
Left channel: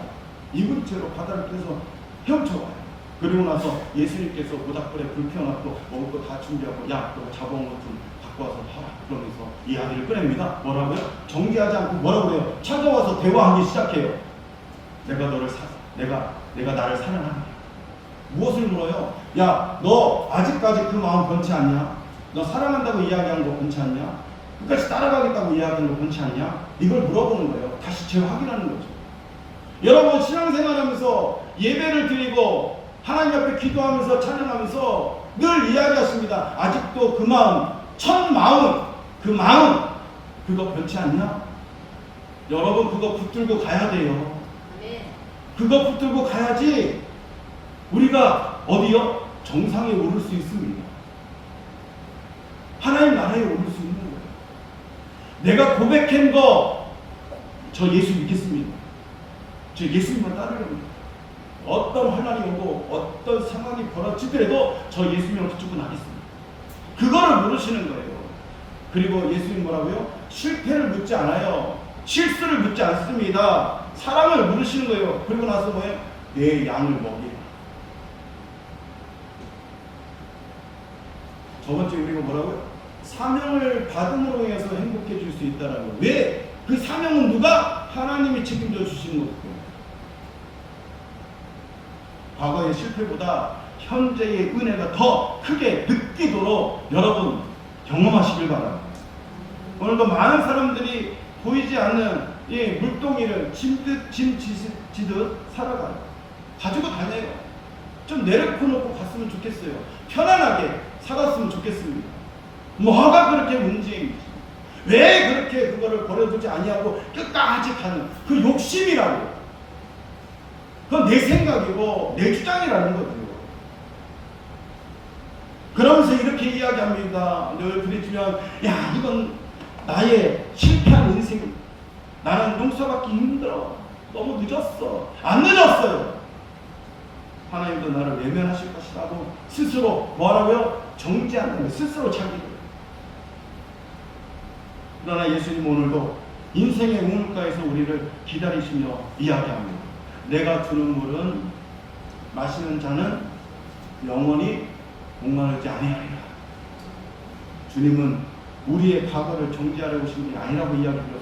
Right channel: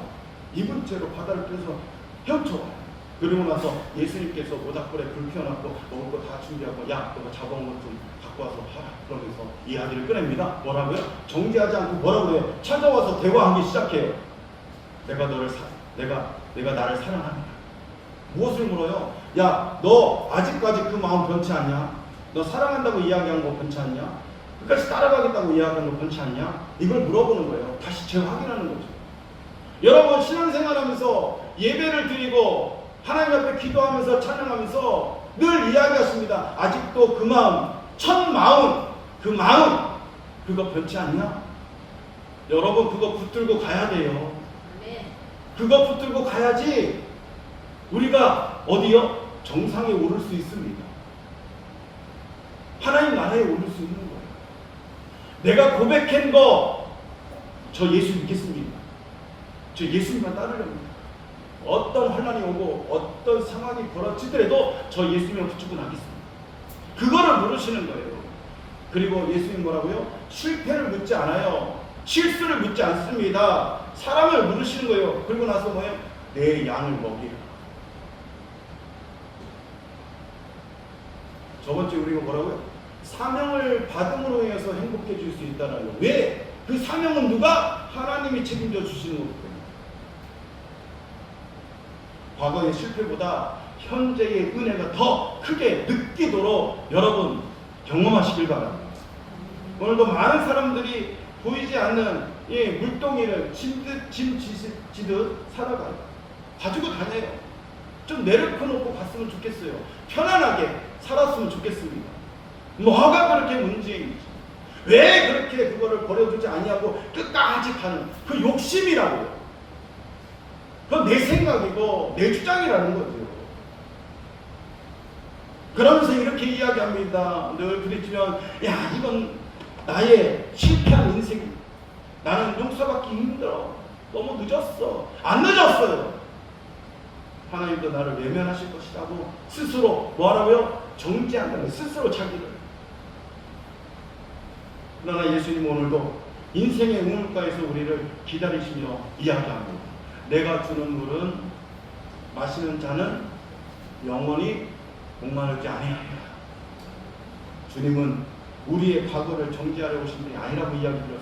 입은 채로 바다를 껴서 헤엄쳐가요. 그리고 나서 예수님께서 모닥불에 불 켜놓고 먹을 거 다 준비하고, 야, 너 잡아온 것 좀 갖고 와서 팔아. 그러면서 이 아들을 꺼냅니다. 뭐라고요? 정지하지 않고 뭐라고 해요? 찾아와서 대화하기 시작해요. 내가 나를 사랑하느냐. 무엇을 물어요? 야, 너 아직까지 그 마음 변치 않냐? 너 사랑한다고 이야기한 거 변치 않냐? 끝까지 따라가겠다고 이야기한 거 변치 않냐? 이걸 물어보는 거예요. 다시 재확인하는 거죠. 여러분, 신앙생활하면서 예배를 드리고 하나님 앞에 기도하면서 찬양하면서 늘 이야기하십니다. 아직도 그 마음, 첫 마음, 그 마음, 그거 변치 않냐? 여러분, 그거 붙들고 가야 돼요. 그거 붙들고 가야지 우리가 어디요? 정상에 오를 수 있습니다. 하나님 나라에 오를 수 있는 거예요. 내가 고백한 거, 저 예수 믿겠습니다. 저 예수님만 따르려고. 어떤 환난이 오고 어떤 상황이 벌어지더라도 저 예수님을 붙잡고 나겠습니다. 그거를 물으시는 거예요. 그리고 예수님 뭐라고요? 실패를 묻지 않아요. 실수를 묻지 않습니다. 사랑을 물으시는 거예요. 그리고 나서 뭐예요? 내 양을 먹이라. 저번 주에 우리가 뭐라고요? 사명을 받음으로 인해서 행복해질 수 있다는 거예요. 왜? 그 사명은 누가? 하나님이 책임져 주시는 거예요. 과거의 실패보다 현재의 은혜가 더 크게 느끼도록 여러분 경험하시길 바랍니다. 오늘도 많은 사람들이 보이지 않는 이 물동이를 짐 지듯 살아가요. 가지고 다녀요. 좀 내려놓고 갔으면 좋겠어요. 편안하게 살았으면 좋겠습니다. 뭐가 그렇게 문제인지, 왜 그렇게 그거를 버려두지 아니하고 끝까지 가는 그 욕심이라고. 그건 내 생각이고 내 주장이라는 거죠. 그러면서 이렇게 이야기합니다. 늘 부딪히면, 야, 이건 나의 실패한 인생, 나는 용서받기 힘들어, 너무 늦었어. 안 늦었어요. 하나님도 나를 외면하실 것이라고 스스로 뭐하라고요? 정죄한다는 거예요. 스스로 자기를. 그러나 예수님 오늘도 인생의 우물가에서 우리를 기다리시며 이야기합니다. 내가 주는 물은 마시는 자는 영원히 목마르지 아니하리라. 주님은 우리의 과거를 정지하려 오신 게 아니라고 이야기드렸습니다.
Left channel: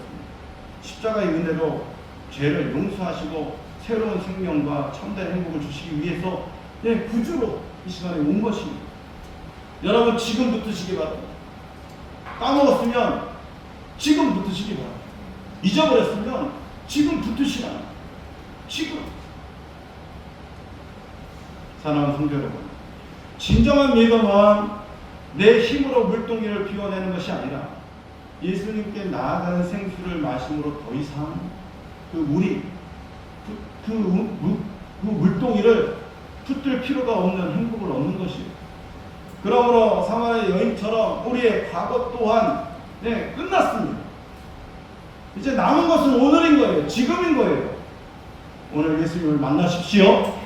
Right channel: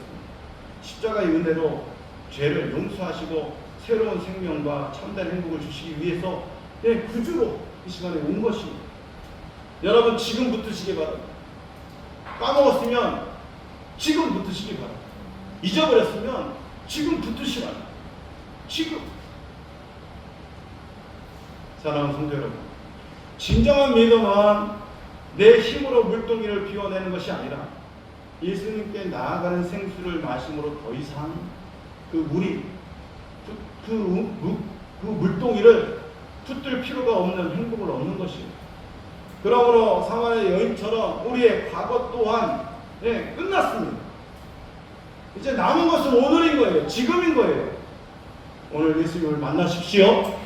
십자가의 은혜로 죄를 용서하시고 새로운 생명과 참된 행복을 주시기 위해서 구주로 이 시간에 온 것입니다. 여러분, 지금 붙으시기 바랍니다. 까먹었으면 지금 붙으시기 바랍니다. 잊어버렸으면 지금 붙으시라. 지금. 사랑하는 성도 여러분, 진정한 믿음은 내 힘으로 물동이를 비워내는 것이 아니라 예수님께 나아가는 생수를 마심으로 더 이상 그 물이 그 물동이를 붙들 필요가 없는 행복을 얻는 것이에요. 그러므로 사마리아 여인처럼 우리의 과거 또한 끝났습니다. 이제 남은 것은 오늘인 거예요. 지금인 거예요. 오늘 예수님을 만나십시오.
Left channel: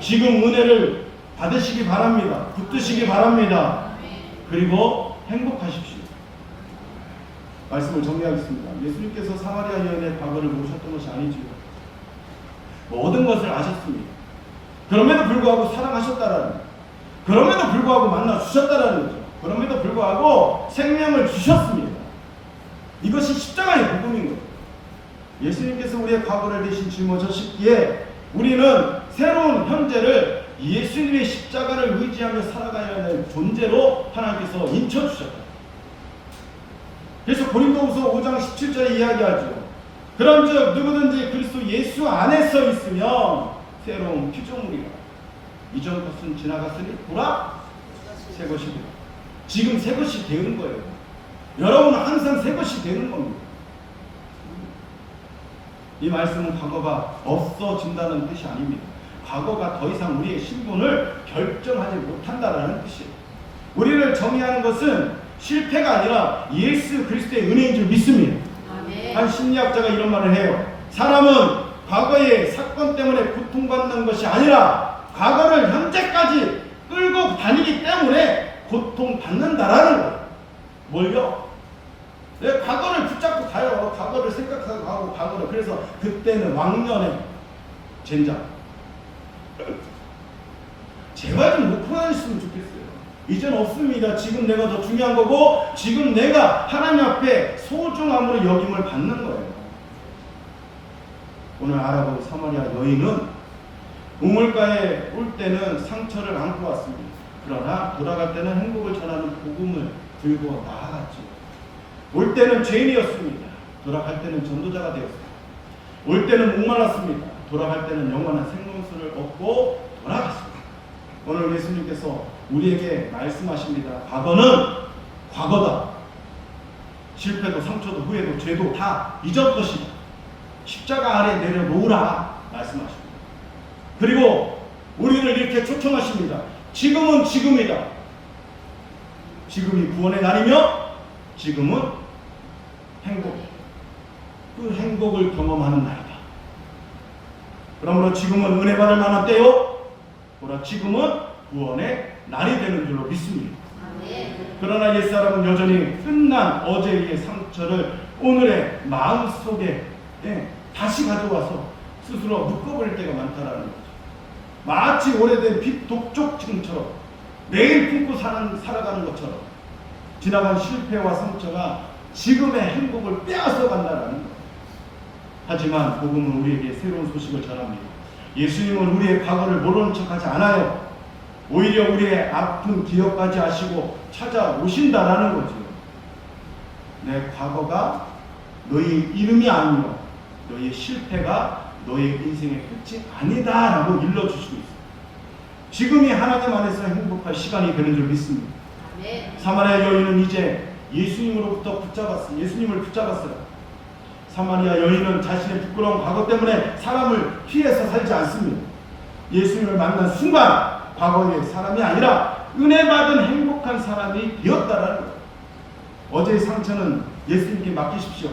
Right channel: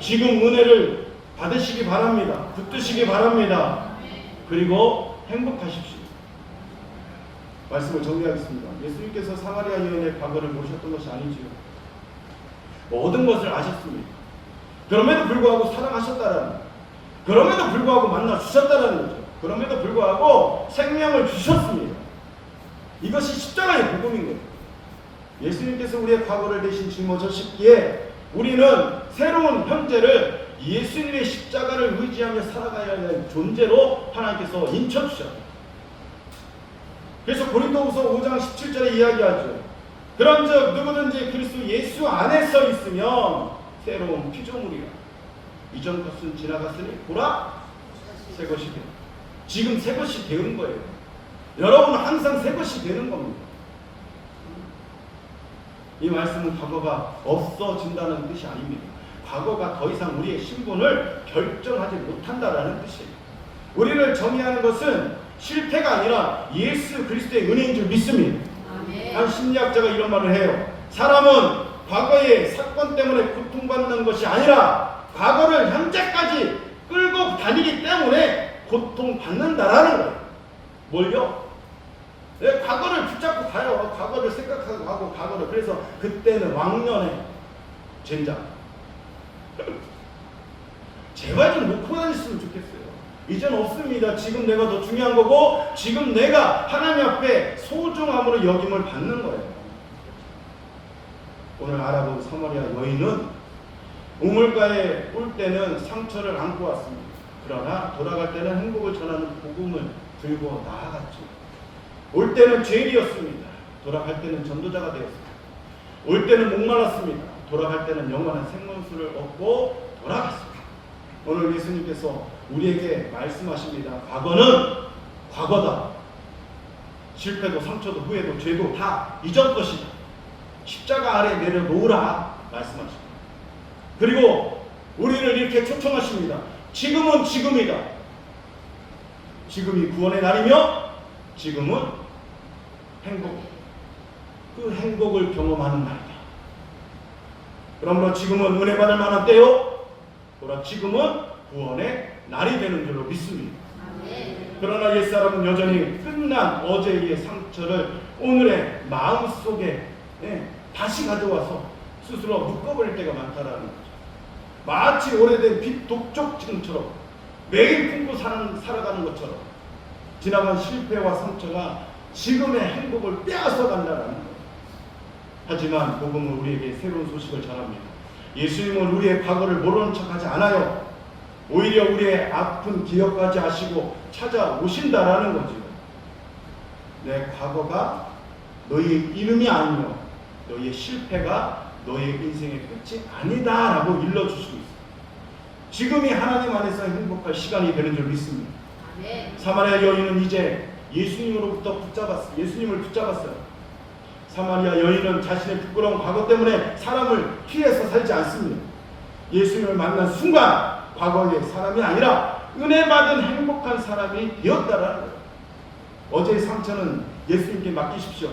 지금 은혜를 받으시기 바랍니다. 붙드시기 바랍니다. 그리고 행복하십시오. 말씀을 정리하겠습니다. 예수님께서 사마리아 여인의 과거를 모르셨던 것이 아니지요. 모든 것을 아셨습니다. 그럼에도 불구하고 사랑하셨다라는 거예요. 그럼에도 불구하고 만나 주셨다라는 거죠. 그럼에도 불구하고 생명을 주셨습니다. 이것이 십자가의 복음인 거예요. 예수님께서 우리의 과거를 대신 짊어지셨기에 우리는 새로운 현재를 예수님의 십자가를 의지하며 살아가야 하는 존재로 하나님께서 인쳐주셨다. 그래서 고린도후서 5장 17절에 이야기하죠. 그런즉 누구든지 그리스도 예수 안에 서 있으면 새로운 피조물이라. 이전 것은 지나갔으니 보라 새 것이 되어. 지금 새 것이 되는 거예요. 여러분은 항상 새 것이 되는 겁니다. 이 말씀은 과거가 없어진다는 뜻이 아닙니다. 과거가 더 이상 우리의 신분을 결정하지 못한다라는 뜻이에요. 우리를 정의하는 것은 실패가 아니라 예수 그리스도의 은혜인 줄 믿습니다. 한 심리학자가 이런 말을 해요. 사람은 과거의 사건 때문에 고통받는 것이 아니라 과거를 현재까지 끌고 다니기 때문에 고통받는다라는 거예요. 뭘요? 과거를 붙잡고 가요. 과거를 생각하고 가고 과거를. 그래서 그때는 왕년에 젠장. 제발 좀 놓고 다녔으면 좋겠어요. 이젠 없습니다. 지금 내가 더 중요한 거고 지금 내가 하나님 앞에 소중함으로 여김을 받는 거예요. 오늘 알아본 사마리아 여인은 우물가에 올 때는 상처를 안고 왔습니다. 그러나 돌아갈 때는 행복을 전하는 복음을 들고 나아갔죠. 올 때는 죄인이었습니다. 돌아갈 때는 전도자가 되었습니다. 올 때는 목말랐습니다. 돌아갈 때는 영원한 생명수를 얻고 돌아갔습니다. 오늘 예수님께서 우리에게 말씀하십니다. 과거는 과거다. 실패도 상처도 후회도 죄도 다 이전 것이다. 십자가 아래 내려놓으라 말씀하십니다. 그리고 우리를 이렇게 초청하십니다. 지금은 지금이다. 지금이 구원의 날이며 지금은 행복. 그 행복을 경험하는 날이다. 그러므로 지금은 은혜 받을 만한 때요. 보라 지금은 구원의 날이 되는 줄로 믿습니다. 그러나 옛사람은 여전히 끝난 어제의 상처를 오늘의 마음속에 다시 가져와서 스스로 묶어버릴 때가 많다라는 거죠. 마치 오래된 빛 독촉증처럼 매일 품고 살아가는 것처럼 지나간 실패와 상처가 지금의 행복을 빼앗아 간다는 거예요. 하지만 복음은 우리에게 새로운 소식을 전합니다. 예수님은 우리의 과거를 모르는 척하지 않아요. 오히려 우리의 아픈 기억까지 아시고 찾아오신다라는 거죠. 내 과거가 너의 이름이 아니요 너의 실패가 너의 인생의 끝이 아니다라고 일러주시고 있어요. 지금이 하나님 안에서 행복할 시간이 되는 줄 믿습니다. 사마리아 여인은 이제 예수님을 붙잡았어요. 사마리아 여인은 자신의 부끄러운 과거 때문에 사람을 피해서 살지 않습니다. 예수님을 만난 순간 과거의 사람이 아니라 은혜 받은 행복한 사람이 되었다라는 거예요. 어제의 상처는 예수님께 맡기십시오.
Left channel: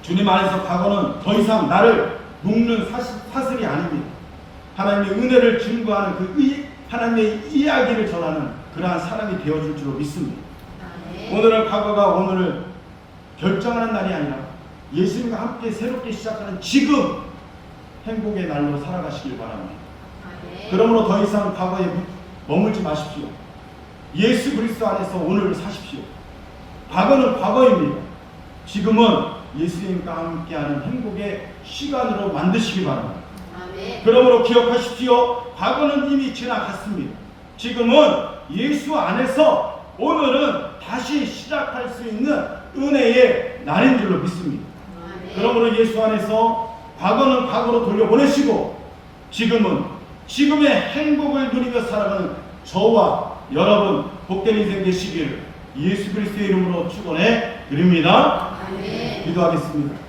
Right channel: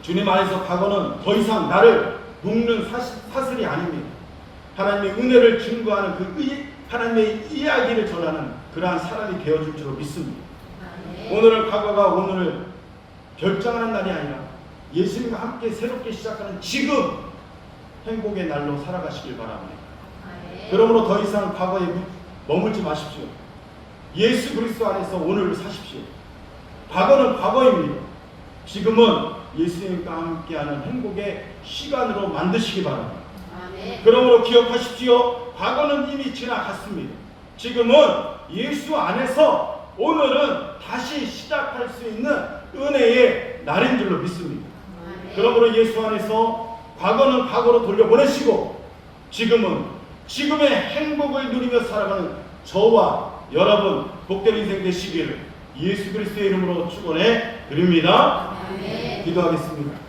주님 안에서 과거는 더 이상 나를 묶는 사슬이 아닙니다. 하나님의 은혜를 증거하는 하나님의 이야기를 전하는 그러한 사람이 되어줄 줄로 믿습니다. 오늘은 과거가 오늘을 결정하는 날이 아니라 예수님과 함께 새롭게 시작하는 지금 행복의 날로 살아가시길 바랍니다. 그러므로 더 이상 과거에 머물지 마십시오. 예수 그리스도 안에서 오늘을 사십시오. 과거는 과거입니다. 지금은 예수님과 함께하는 행복의 시간으로 만드시기 바랍니다. 그러므로 기억하십시오. 과거는 이미 지나갔습니다. 지금은 예수 안에서 오늘은 다시 시작할 수 있는 은혜의 날인 줄로 믿습니다. 그러므로 예수 안에서 과거는 과거로 돌려보내시고 지금은 지금의 행복을 누리며 살아가는 저와 여러분 복된 인생 되시기를 예수 그리스도의 이름으로 축원해 드립니다. 기도하겠습니다.